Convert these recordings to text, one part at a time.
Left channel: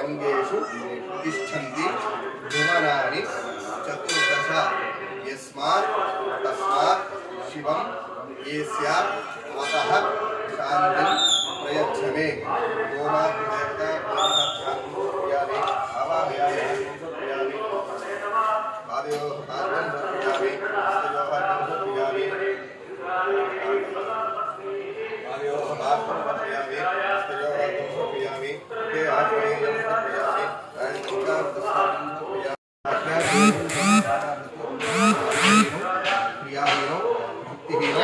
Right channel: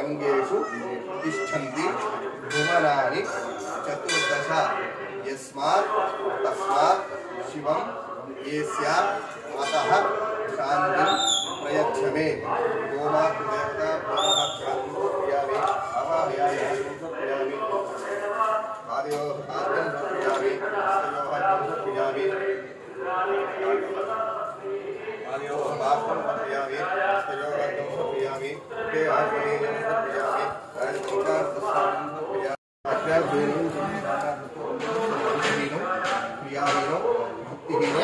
अंगेषु तिष्ठन्ति भुवनानि चतुर्दश यस्मात् तस्मात् शिवं येस्या अतः शान्तिं प्रयच्छ मे गोमातृदेवता भूमध्यानि आवाहयामि समर्पयामि पादयोः पाद्यं समर्पयामि हस्तयोः अर्घ्यं समर्पयामि पादयोः पाद्यं समर्पयामि हस्तयोः अर्घ्यं समर्पयामि ते आत्मनेयं समर्पयामि राजपञ्चामृतस्नानं समर्पयामि क्रियाहीनो भक्तिहीनो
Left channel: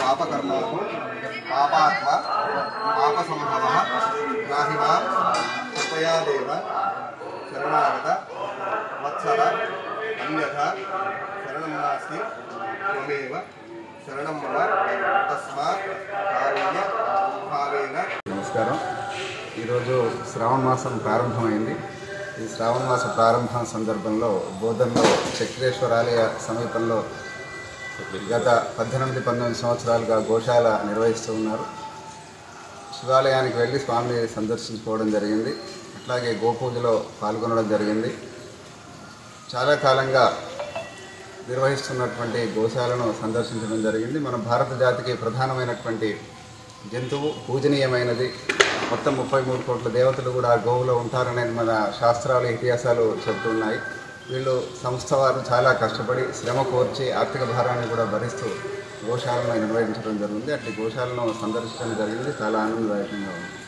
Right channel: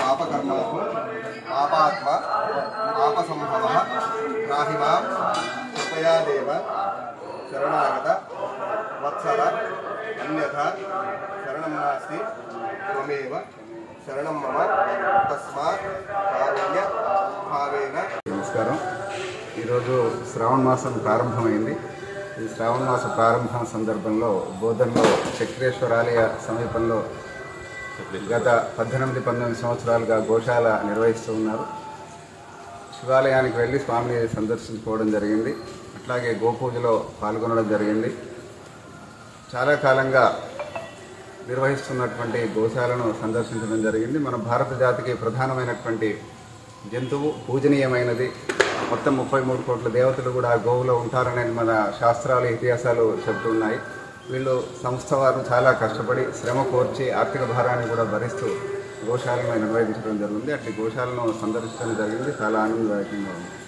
पापकर्मा पापात्मा पापसंभवः राहि मां कृपया देव शरणागत वत्सल अन्यथा शरणं नास्ति त्वमेव शरणं मम तस्मात् कारुण्य भावेन। నమస్కారం. ఈరోజు శ్రావణ మాసం ప్రారంభమైంది. ఈ శ్రావణ మాస ప్రారంభం సందర్భంలో బోధనలో చక్రేశ్వరాలయ సమీపంలో గత 18-19 సంవత్సరాలుగా గోశాల నిర్వహిస్తూ ఉన్నారు. శివాలయానికి వెళ్ళి స్వామిని సందర్శించుకోవడం జరిగింది. అట్లాగే గోపూజలో పాల్గొనడం జరిగింది. చాలా కాలంగా నిర్వహిస్తున్నటువంటి గోశాలను సందర్శించడం జరిగింది. మన భారత జాతికి ప్రధానమైనటువంటి జంతువు, పూజనీయమైనది. మొత్తం 33 కోట్ల దేవతలు కూడా గోవులో ఉంటారనేది మన శాస్త్రాలు, ఇతిహాసాలు చెబుతున్నాయి. వీళ్ళు సంస్థ వారు చాలా కష్టపడి శ్రమ కోర్చి ఆర్థిక భారాన్ని కూడా భరిస్తూ గోశాలను నిర్వహించడం జరిగింది. అట్లా గోశాలను సందర్శించడం జరిగింది. చాలా ఆనందదాయకంగా ఉంది.